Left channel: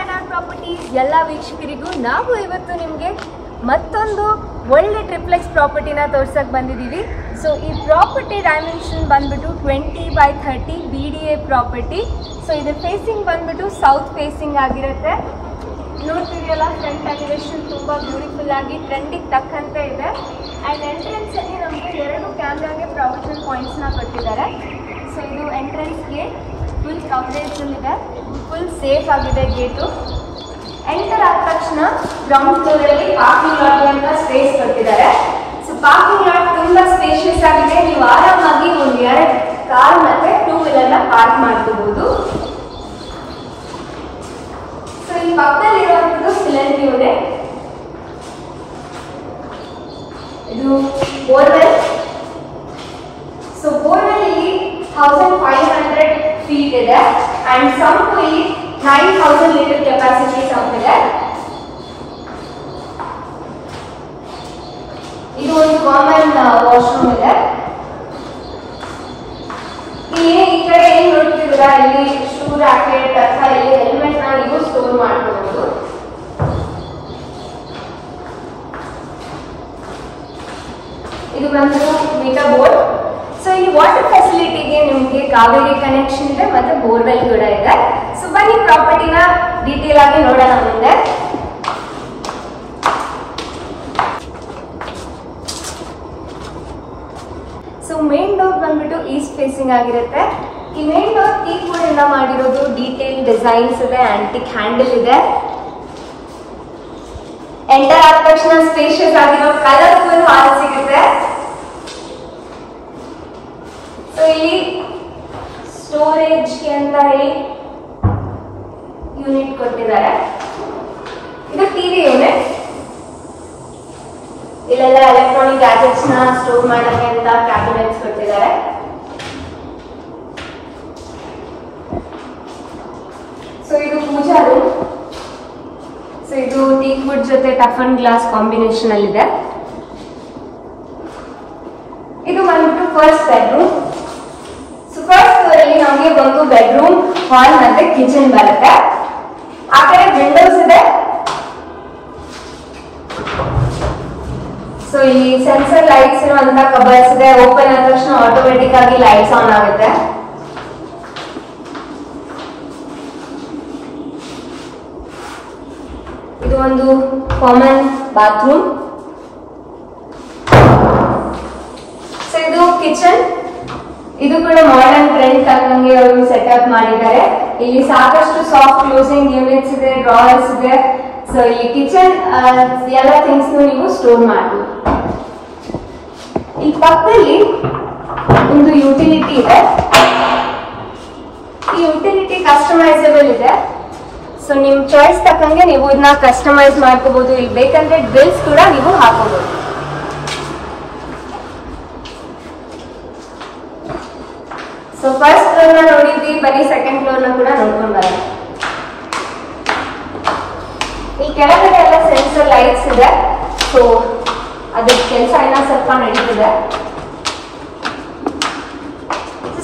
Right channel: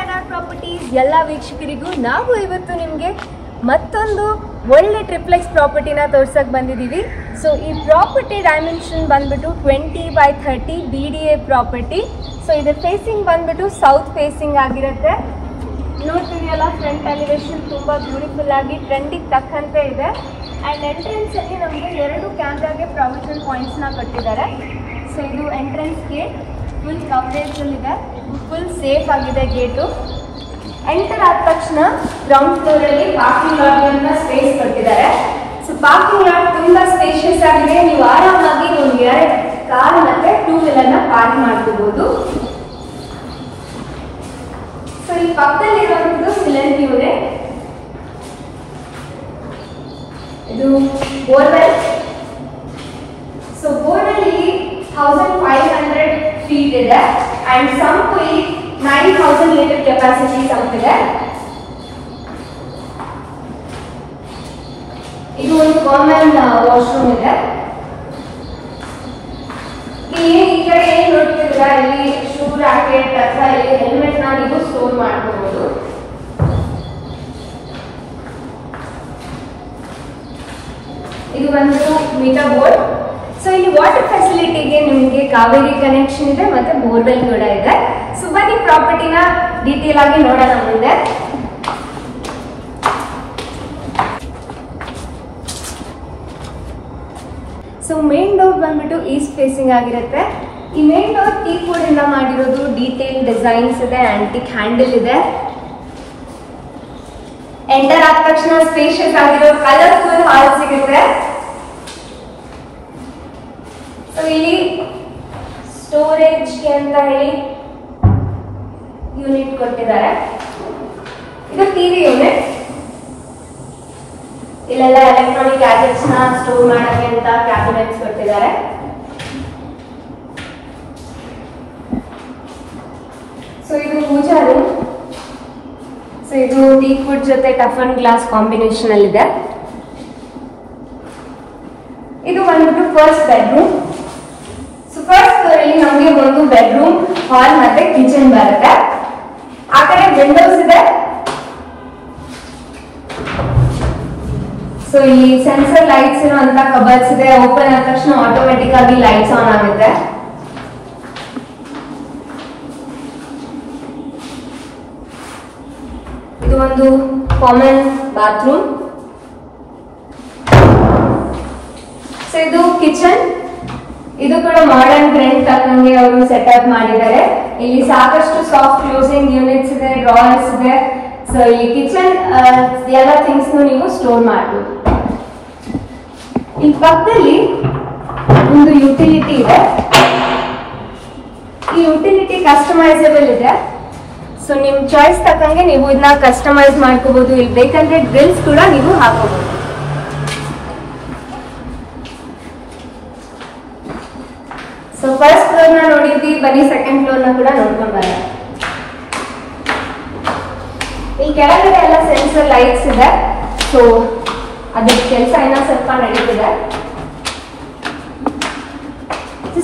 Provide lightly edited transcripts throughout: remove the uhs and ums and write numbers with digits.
NR properties ಎಲ್ಲ ವೀಕ್ಷಕರಿಗೂ ನಾವು ಇವತ್ತು ನಿಮಗೆ ಮತ್ತೊಂದು ಒಳ್ಳೆ ಟ್ರಿಪ್ಲೆಕ್ಸ್ ಪ್ರಾಪರ್ಟಿನ ತೋರ್ಸಕ್ಕೆ ಬಂದಿದ್ದೀವಿ. ಸೊ ಈ ಪ್ರಾಪರ್ಟಿ ಡೈಮೆನ್ಷನ್ ಬಂದ್ಬಿಟ್ಟು 20/30 BDA ಪ್ರಾಪರ್ಟಿ. ಸೊ ಇದು ಫೇಸಿಂಗ್ ಬಂದ್ಬಿಟ್ಟು ಸೌತ್ ಫೇಸಿಂಗ್ ಆಗಿರುತ್ತೆ. ನೋಡ್ತಿದೆಯಲ್ಲ, ಫ್ರಂಟ್ ಎಲಿವೇಶನ್ ತುಂಬ ಬ್ಯೂಟಿಫುಲ್ ಆಗಿ ಟ್ರೆಂಡಿಗೆ ತಕ್ಕಂತೆ ಇದೆ. ಆ್ಯಂಡ್ ಎಂಟ್ರೆನ್ಸ್ ಅಲ್ಲಿ ನಮಗೆ 2 ಕ್ಯಾಮ್ರಾಗೆ ಪ್ರಾವಿಷನಲ್ ಪಾಯಿಂಟ್ಸ್ನ ಕೊಟ್ಟಿದ್ದಾರೆ. ಸೊ ಇದು ಎಂಟ್ರೆನ್ಸ್ ಗೇಟ್ ಫುಲ್ ಕವರೇಜಲ್ಲಿದೆ, ಫುಲ್ ಸೇಫ್ ಆಗಿದೆ ಗೇಟು. ಎಂಟರ್ ಆದ ತಕ್ಷಣ ಗ್ರೌಂಡ್ ಫ್ಲೋರಲ್ಲಿ ಪಾರ್ಕಿಂಗ್ ಲಾಟ್ ಅಂತ ಸ್ಪೇಸ್ ಕೊಟ್ಟಿದ್ದಾರೆ. ಸೊ ಪಾರ್ಕಿಂಗ್ ಲಾಟ್ ತುಂಬಾ ಸ್ಪೇಷಿಯಸ್ ಆಗಿದೆ. ನೀವು ಆರಾಮಾಗಿ ಒಂದು 2 ಕಾರ್ ಮತ್ತೆ 2 ವೀಲರ್ನ ಪಾರ್ಕ್ ಮಾಡ್ಕೋಬಹುದು. ಸೊ ಈ ಪಕ್ಕದಲ್ಲಿ ಇರುವಂತದ್ದು ಸಿಲೆಂಟ್ ಯೂನಿಟ್. ಇದು ಬೋರ್ವೆಲ್. ಸೊ ಬೋರ್ವೆಲ್ ಇಲ್ಲಿ 1500 ಫೀಟ್ ಇದೆ ಅಂಡ್ ಸಂಪು ಇಲ್ಲಿ 9000 ಲೀಟರ್ ಕೆಪಾಸಿಟಿ ಸಂಪ್ ಇದೆ. ಇದು ಒಂದು ಕಾಮನ್ ವಾಶ್ರೂಮ್ ಇದೆ. ಇಲ್ಲಿ ಈ ಕಡೆ ಏನ್ ನೋಡ್ತಿದ್ದೀರಾ, ಇಲ್ಲಿ ಶೂ ರಾಕೆಟ್ ಅಥವಾ ಇಲ್ಲಿ ಹೆಲ್ಮೆಟ್ ನ ನೀವು ಸ್ಟೋರ್ ಮಾಡ್ಕೋಬಹುದು. ಇದು ಒಂದು ಮೀಟರ್ ಬೋರ್ಡ್. ಸೊ ಇಲ್ಲಿ ವಾಟರ್ ಫೆಸಿಲಿಟಿಗೆ ನಿಮಗೆ ಕಾವೇರಿ ಕನೆಕ್ಷನ್ ಇದೆ ಮತ್ತೆ ಬೋರ್ವೆಲ್ ಕೂಡ ಇದೆ. ಸೊ ಬನ್ನಿ ಪ್ರಾಪರ್ಟಿನ ಡೀಟೇಲ್ ಆಗಿ ನೋಡೋಣ ಮುಂದೆ. ಸೊ ಮೇನ್ ಡೋರ್ ಬಂದ್ಬಿಟ್ಟು ಈಸ್ಟ್ ಫೇಸಿಂಗ್ ಆಗಿರುತ್ತೆ. ಈ ಮೇನ್ ಡೋರ್ ಟೀಕ್ ವುಡ್ ಇಂದ ಮಾಡಿರೋದು, ಡೀಟೇಲ್ ಡಿಸೈನ್ಸ್ ಇದೆ, ಆಂಟಿಕ್ ಹ್ಯಾಂಡಲ್ ಇದೆ. ಎಂಟರ್ ಆದ ತಕ್ಷಣ ಸ್ಪೇಷಿಯಸ್ ಆಗಿರೋ ಕಲರ್ಫುಲ್ ಹಾಲ್ ಸಿಗುತ್ತೆ. ಸೊ ಇಲ್ಲಿ ಸ್ಟೋರೇಜ್ ಅಂತ ಹೇಳಿ ಯೂನಿಟ್ ಕೊಟ್ಟಿದ್ದಾರೆ. ಇದು ಟಿವಿ ಯೂನಿಟ್. ಇಲ್ಲೆಲ್ಲ ಎಲೆಕ್ಟ್ರಾನಿಕ್ ಗ್ಯಾಜೆಟ್ಸ್ ನ ಸ್ಟೋರ್ ಮಾಡೋಕೆ ಅಂತ ಕ್ಯಾಬಿನೆಟ್ಸ್ ಕೊಟ್ಟಿದ್ದಾರೆ. ಸೊ ಇದು ಪೂಜಾ ರೂಮ್. ಸೊ ಇದು ಟೀಕ್ ವುಡ್ ಜೊತೆ ಟಫನ್ ಗ್ಲಾಸ್ ಕಾಂಬಿನೇಷನ್ ಅಲ್ಲಿ ಇದೆ. ಇದು ಬಂದ್ಬಿಟ್ಟು ಫಸ್ಟ್ ಬೆಡ್ರೂಮ್. ಫಸ್ಟ್ ಫ್ಲೋರ್ ಅಲ್ಲಿ ನಮಗೆ ಒಂದು ಬೆಡ್ರೂಮ್, ಹಾಲ್ ಮತ್ತೆ ಕಿಚನ್ ಬರುತ್ತೆ. ಆ ಕಡೆ ವಿಂಡೋಸ್ ಇದೆ. ಸೊ ಇಲ್ಲಿ ಸೆನ್ಸರ್ ಲೈಟ್ಸ್ ಇರುವಂತ ಕಬರ್ಡ್ಸ್ ಇದೆ. ಓಪನ್ ಆದ ತಕ್ಷಣ ಆಟೋಮೆಟಿಕ್ ಆಗಿ ಲೈಟ್ಸ್ ಆನ್ ಆಗುತ್ತೆ. ಇದು ಒಂದು ಕಾಮನ್ ಬಾತ್ರೂಮ್. ಸೊ ಇದು ಕಿಚನ್. ಇದು ಕೂಡ ಮಾಡರ್ನ್ ಟ್ರೆಂಡ್ ತಕ್ಕಂಗೆ ಅವರು ಸೆಟಪ್ ಮಾಡಿದ್ದಾರೆ. ಇಲ್ಲಿ ಸಾಕಷ್ಟು ಸಾಫ್ಟ್ ಕ್ಲೋಸಿಂಗ್ ಯೂನಿಟ್ಸ್ ಇದೆ, ಡ್ರಾಯರ್ಸ್ ಇದೆ. ಸೊ ಈ ಕಿಚನ್ ಎಲ್ಲ ಥಿಂಗ್ಸ್ ನೀವು ಸ್ಟೋರ್ ಮಾಡಬಹುದು. ಇಲ್ಲಿ ಪಕ್ಕದಲ್ಲಿ ಒಂದು ಯುಟಿಲಿಟಿ ಇದೆ. ಈ ಯುಟಿಲಿಟಿ ಕಸ್ಟಮೈಸಬಲ್ ಇದೆ. ಸೊ ನಿಮ್ ಚಾಯ್ಸ್ ತಕ್ಕಂಗೆ ನೀವು ಇದನ್ನ ಕಸ್ಟಮೈಸ್ ಮಾಡ್ಕೋಬಹುದು. ಇಲ್ಲಿ ಬೇಕಂದ್ರೆ ಡ್ರಿಲ್ಸ್ ಕೂಡ ನೀವು ಹಾಕೋಬಹುದು. ಸೊ ಫಸ್ಟ್ ಫ್ಲೋರ್ ನ ನೋಡಿದ್ವಿ, ಬನ್ನಿ ಸೆಕೆಂಡ್ ಫ್ಲೋರ್ ನ ಕೂಡ ನೋಡ್ಕೊಂಡ್ ಬರೋಣ. ಇಲ್ಲಿ ಕೆಳಗಡೆ ಎಲ್ಲ ಸೆನ್ಸರ್ ಲೈಟ್ಸ್ ಇದೆ. ಸೊ ಅದ್ರ ಕೆಲಸ ಎಲ್ಲ ಸ್ವಲ್ಪ ನಡೀತಿದೆ.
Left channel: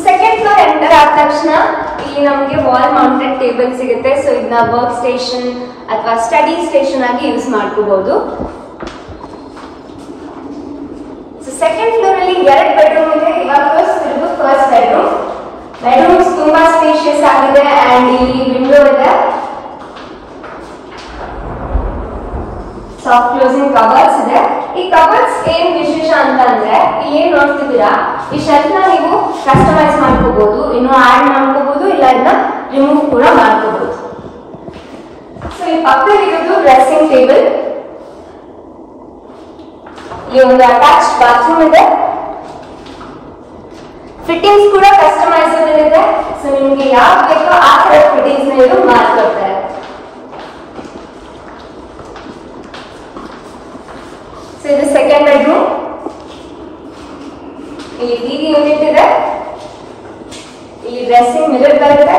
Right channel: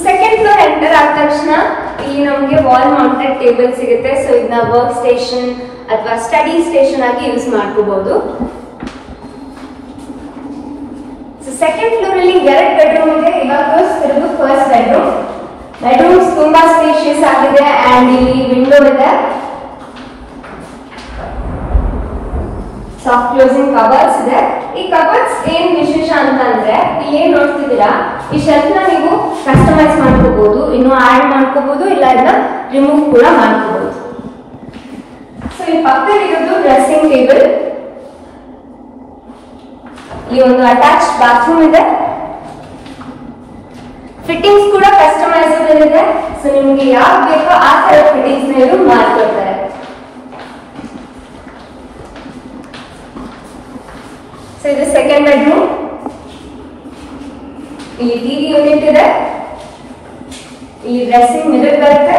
ಸೆಕೆಂಡ್ ಫ್ಲೋರ್ ಎಂಟರ್ ಆದ ತಕ್ಷಣ ಇಲ್ಲಿ ನಮಗೆ ವಾಲ್ ಮೌಂಟೆಡ್ ಟೇಬಲ್ ಸಿಗುತ್ತೆ. ಸೊ ಇದನ್ನ ವರ್ಕ್ ಸ್ಟೇಷನ್ ಅಥವಾ ಸ್ಟಡಿ ಸ್ಟೇಷನ್ ಆಗಿ ಯೂಸ್ ಮಾಡ್ಕೋಬಹುದು. ಸೆಕೆಂಡ್ ಫ್ಲೋರ್ ಅಲ್ಲಿ 2 ಬೆಡ್ರೂಮ್ ಇದೆ. ಇವಾಗ ತೋರಿಸ್ತಿರೋದು ಫಸ್ಟ್ ಬೆಡ್ರೂಮ್. ಬೆಡ್ರೂಮ್ಸ್ ತುಂಬಾ ಸ್ಪೇಷಿಯಸ್ ಆಗಿದೆ ಅಂಡ್ ಇಲ್ಲಿ ವಿಂಡೋ ಇದೆ. ಸಾಫ್ಟ್ ಕ್ಲೋಸಿಂಗ್ ಕಬರ್ಡ್ಸ್ ಇದೆ. ಈ ಕಬರ್ಡ್ಸ್ ಏನ್ ವಿಶೇಷ ಅಂತಂದ್ರೆ, ಇಲ್ಲಿ ಏನ್ ನೋಡ್ತಿದ್ದೀರಾ, ಈ ಶೆಲ್ಫ್ ನ ನೀವು ಕಸ್ಟಮೈಸ್ ಮಾಡ್ಕೋಬಹುದು, ಇನ್ನು ಆಡ್ ಮಾಡ್ಕೋಬಹುದು, ಇಲ್ಲ ಇದನ್ನ ರಿಮೂವ್ ಕೂಡ ಮಾಡ್ಕೋಬಹುದು. ಸೊ ಈ ಪಕ್ಕದಲ್ಲಿ ಇರೋದು ಡ್ರೆಸ್ಸಿಂಗ್ ಟೇಬಲ್. ಇಲ್ಲಿ ಒಂದು ಅಟ್ಯಾಚ್ ಬಾತ್ರೂಮ್ ಇದೆ. ಫಿಟ್ಟಿಂಗ್ಸ್ ಕೂಡ ಕಸ್ಟಮೈಸಬಲ್ ಇದೆ. ಸೊ ನಿಮ್ಗೆ ಯಾವ್ದು ಬೇಕೋ ಆ ತರ ಫಿಟ್ಟಿಂಗ್ಸ್ ನ ಇವರು ಮಾಡ್ಕೊಡ್ತಾರೆ. ಸೊ ಇದು ಸೆಕೆಂಡ್ ಬೆಡ್ರೂಮ್. ಇಲ್ಲಿ ಟಿವಿ ಯೂನಿಟ್ ಇದೆ. ಇಲ್ಲಿ ಡ್ರೆಸ್ಸಿಂಗ್ ಮಿರರ್ ಬರುತ್ತೆ.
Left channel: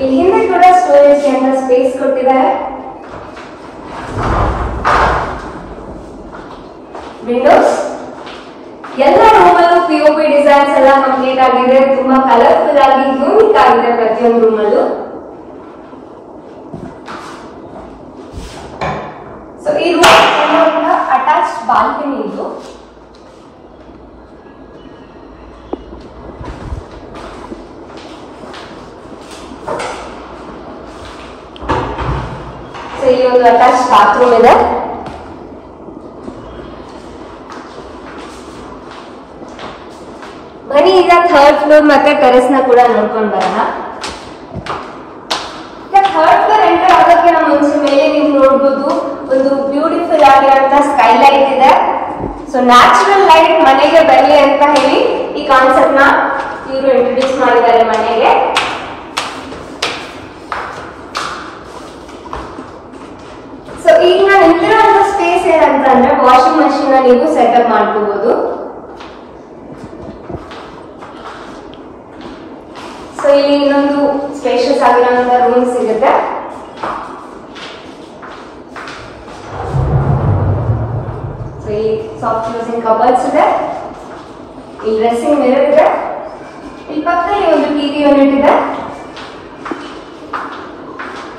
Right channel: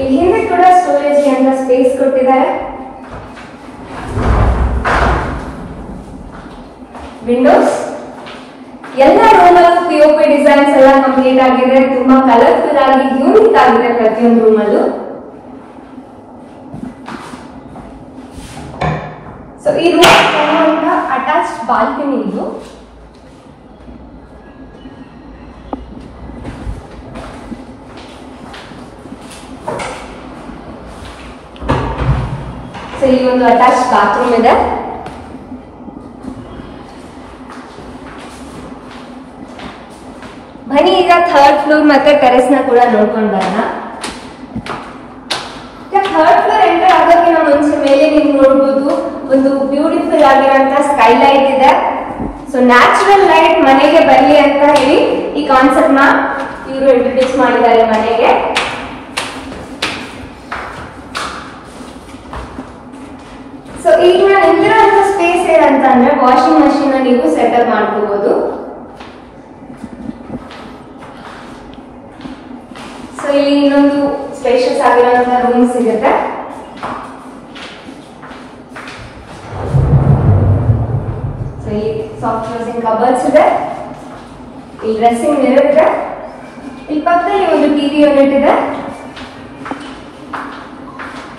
ಇಲ್ಲಿ ಹಿಂದೆ ಕೂಡ ಸ್ಟೋರೇಜ್ ಅಂತ ಸ್ಪೇಸ್ ಕೊಟ್ಟಿದ್ದಾರೆ. ವಿಂಡೋಸ್. ಎಲ್ಲ ರೂಮಲ್ಲೂ ಪಿಒಪಿ ಡಿಸೈನ್ಸ್ ಎಲ್ಲ ಕಂಪ್ಲೀಟ್ ಆಗಿದೆ. ತುಂಬಾ ಕಲರ್ಫುಲ್ ಆಗಿ ಯೂನಿಕ್ ಆಗಿದೆ ಪ್ರತಿಯೊಂದು ರೂಮಲ್ಲೂ. ಸೊ ಈ ರೂಮ್ ಅಟ್ಯಾಚ್ ಬಾಲ್ಕನಿ ಇದು. ಸೊ ಈ ಒಂದು ಅಟ್ಯಾಚ್ ಬಾತ್ರೂಮ್ ಇದೆ. ಬನ್ನಿ ಈಗ ಥರ್ಡ್ ಫ್ಲೋರ್ ಮತ್ತೆ ಟೆರೆಸ್ ನ ಕೂಡ ನೋಡ್ಕೊಂಡು ಬರೋಣ. ಥರ್ಡ್ ಫ್ಲೋರ್ ಎಂಟರ್ ಆಗೋಕೆ ನಾವು ಮುಂಚೆ ಮೇಲೆ ನೀವು ನೋಡ್ಬೋದು ಒಂದು ಬ್ಯೂಟಿಫುಲ್ ಆಗಿರುವಂತ ಸ್ಕೈ ಲೈಟ್ ಇದೆ. ಸೊ ನ್ಯಾಚುರಲ್ ಲೈಟ್ ಮನೆಗೆ ಬರಲಿ ಅಂತ ಹೇಳಿ ಈ ಕಾನ್ಸೆಪ್ಟ್ ನ ಇವರು ಇಂಟ್ರೊಡ್ಯೂಸ್ ಮಾಡಿದ್ದಾರೆ ಮನೆಗೆ. ಸೊ ಈಗ ನಾನು ನಿಂತಿರುವಂತ ಸ್ಪೇಸ್ ಏನಂತ ಅಂದ್ರೆ ವಾಷಿಂಗ್ ಮಷೀನ್ ನೀವು ಸೆಟಪ್ ಮಾಡ್ಕೋಬಹುದು. ಸೊ ಇಲ್ಲಿ ಇನ್ನೊಂದು ಸ್ಪೇಷಿಯಸ್ ಆಗಿರುವಂತ ರೂಮ್ ಸಿಗುತ್ತೆ. ಸೊ ಇಲ್ಲಿ ಸಾಫ್ಟ್ ಕ್ಲೋಸಿಂಗ್ ಕಬರ್ಡ್ಸ್ ಇದೆ, ಇಲ್ಲಿ ಡ್ರೆಸ್ಸಿಂಗ್ ಮಿರರ್ ಇದೆ, ಇಲ್ಲಿ ಪಕ್ಕದಲ್ಲಿ ಒಂದು ಟಿವಿ ಯೂನಿಟ್ ಇದೆ.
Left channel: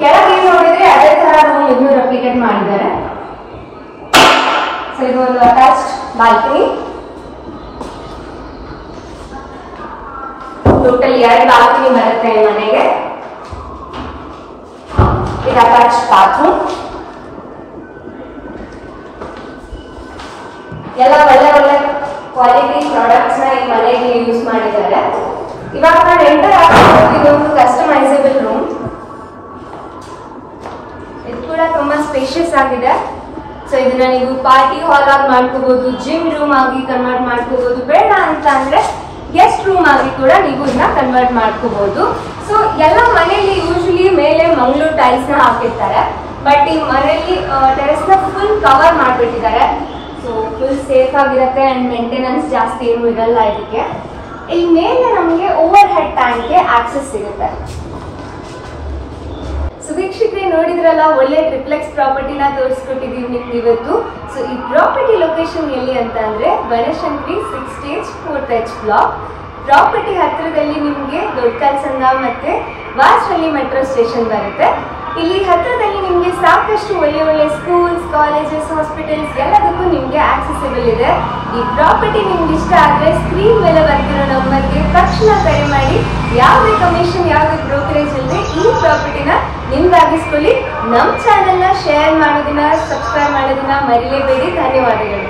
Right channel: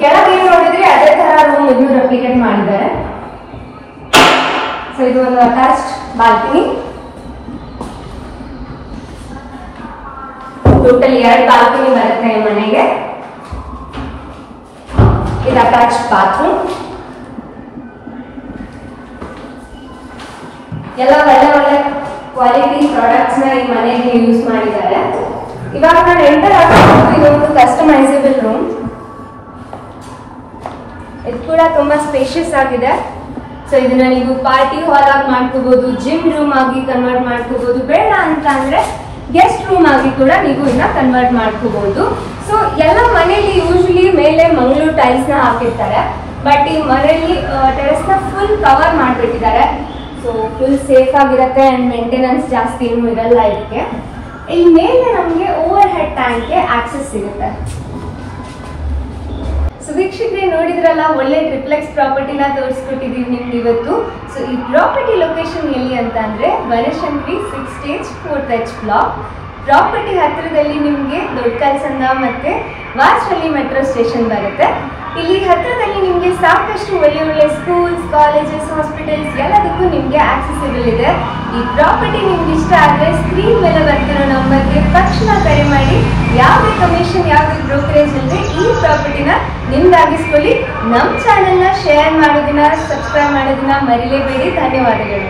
ಕೆಳಗೆ ನೋಡಿದ್ರೆ ಅದೇ ತರ ರೂಮ್ ಇನ್ನೂ ರೆಪ್ಲಿಕೇಟ್ ಮಾಡಿದ್ದಾರೆ. ಸೊ ಇದು ಒಂದು ಅಟ್ಯಾಚ್ಡ್ ಬಾಲ್ಕನಿ. ಟೋಟಲ್ 2 ಬಾಲ್ಕನಿ ಬರುತ್ತೆ ಮನೆಗೆ. ಇದು ಅಟ್ಯಾಚ್ಡ್ ಬಾತ್ರೂಮ್. ಎಲ್ಲ ಒಳ್ಳೆ ಒಳ್ಳೆ ಕ್ವಾಲಿಟಿ ಪ್ರಾಡಕ್ಟ್ಸ್ ನ ಈ ಮನೆಗೆ ಯೂಸ್ ಮಾಡಿದ್ದಾರೆ. ಇವಾಗ ನಾನು ಎಂಟರ್ ಆಗ್ತಿದ್ದು ಇದೊಂದು ಕಸ್ಟಮೈಸಬಲ್ ರೂಮ್. ಇದು ಕೂಡ ತುಂಬಾ ಸ್ಪೇಷಿಯಸ್ ಆಗಿದೆ. ಸೊ ಇದನ್ನ ನೀವು ಪಾರ್ಟಿ ಹಾಲ್ ಆಗಿ ಮಾಡ್ಕೋಬಹುದು, ಜಿಮ್ ರೂಮ್ ಆಗಿ ಕನ್ವರ್ಟ್ ಮಾಡ್ಕೋಬಹುದು, ಬೇಡ ಅಂತ ಅಂದ್ರೆ ಗೆಸ್ಟ್ ರೂಮ್ ಆಗಿ ಕೂಡ ನೀವು ಇದನ್ನ ಕನ್ವರ್ಟ್ ಮಾಡ್ಕೋಬಹುದು. ಸೊ ಎಲ್ಲ ಮನೆಯಲ್ಲಿ ಯೂಶಲಿ ಮೇಲೆ ಮಂಗಳೂರು ಟೈಲ್ಸ್ ನ ಹಾಕಿರ್ತಾರೆ, ಬಟ್ ಈ ಮನೆಯಲ್ಲಿ ಟೆರೆಸ್ ನ ಫುಲ್ ಕವರ್ ಮಾಡ್ಬಿಟ್ಟಿದ್ದಾರೆ. ಸೊ ಫುಲ್ ಸೇಫ್ ಆಗಿರುತ್ತೆ ಅಂಡ್ ಮೇಂಟೆನೆನ್ಸ್ ಜಾಸ್ತಿ ಏನು ಇರಲ್ಲ ಇದಕ್ಕೆ. ಇಲ್ಲಿ ಮೇಲೆ ನಮಗೆ ಓವರ್ ಹೆಡ್ ಟ್ಯಾಂಕ್ಗೆ ಆಕ್ಸೆಸ್ ಸಿಗುತ್ತೆ. ಸೊ ವೀಕ್ಷಕರೇ ನೋಡಿದ್ರಲ್ಲ, ಒಳ್ಳೆ ಟ್ರಿಪ್ಲೆಕ್ಸ್ ಪ್ರಾಪರ್ಟಿನ ತೋರಿಸ್ಕೊಟ್ಟಿದೀವಿ ನಿಮ್ಗೆ ಇವತ್ತು. ಸೊ ಈ ಪ್ರಾಪರ್ಟಿ ಲೊಕೇಶನ್ ಎಲ್ಲಿ ಅಂತ ಅಂದ್ರೆ Banashankari 6 stage 4th H block. Property ಹತ್ತಿರದಲ್ಲಿ ನಿಮಗೆ ದೊಡ್ಡಕಲ್ಸಂದ ಮತ್ತೆ ವಾಸಹಳ್ಳಿ ಮೆಟ್ರೋ ಸ್ಟೇಷನ್ ಬರುತ್ತೆ. ಇಲ್ಲಿ ಹತ್ತಿರದಲ್ಲಿ ನಿಮಗೆ ಸಾಕಷ್ಟು ಒಳ್ಳೆ ಒಳ್ಳೆ ಸ್ಕೂಲ್ಸ್, ಕಾಲೇಜಸ್, ಹಾಸ್ಪಿಟಲ್ಸ್ ಎಲ್ಲದಕ್ಕೂ ನಿಮಗೆ ಆಕ್ಸೆಸಿಬಲ್ ಇದೆ. ಈ ಪ್ರಾಪರ್ಟಿ ನಿಮ್ಗೆ ಇಷ್ಟ ಆದ್ರೆ ಸ್ಕ್ರೀನ್ ಮೇಲೆ ಬರ್ತಿರೋ ನಂಬರ್ಗೆ ತಕ್ಷಣ ಕರೆ ಮಾಡಿ. ಯಾವುದೇ ಕಮಿಷನ್, ಯಾವುದೇ ಬ್ರೋಕರೇಜ್ ಇಲ್ಲದೆ ಈ ಪ್ರಾಪರ್ಟಿನ ನಿಮ್ದಾಗಿಸ್ಕೊಳ್ಳಿ. ನಮ್ಮ ಚಾನೆಲ್ನ ಶೇರ್ ಮಾಡೋದನ್ನ, ಸಬ್ಸ್ಕ್ರೈಬ್ ಮಾಡೋದನ್ನ ಮರಿಲೇಬೇಡಿ. ಧನ್ಯವಾದಗಳು.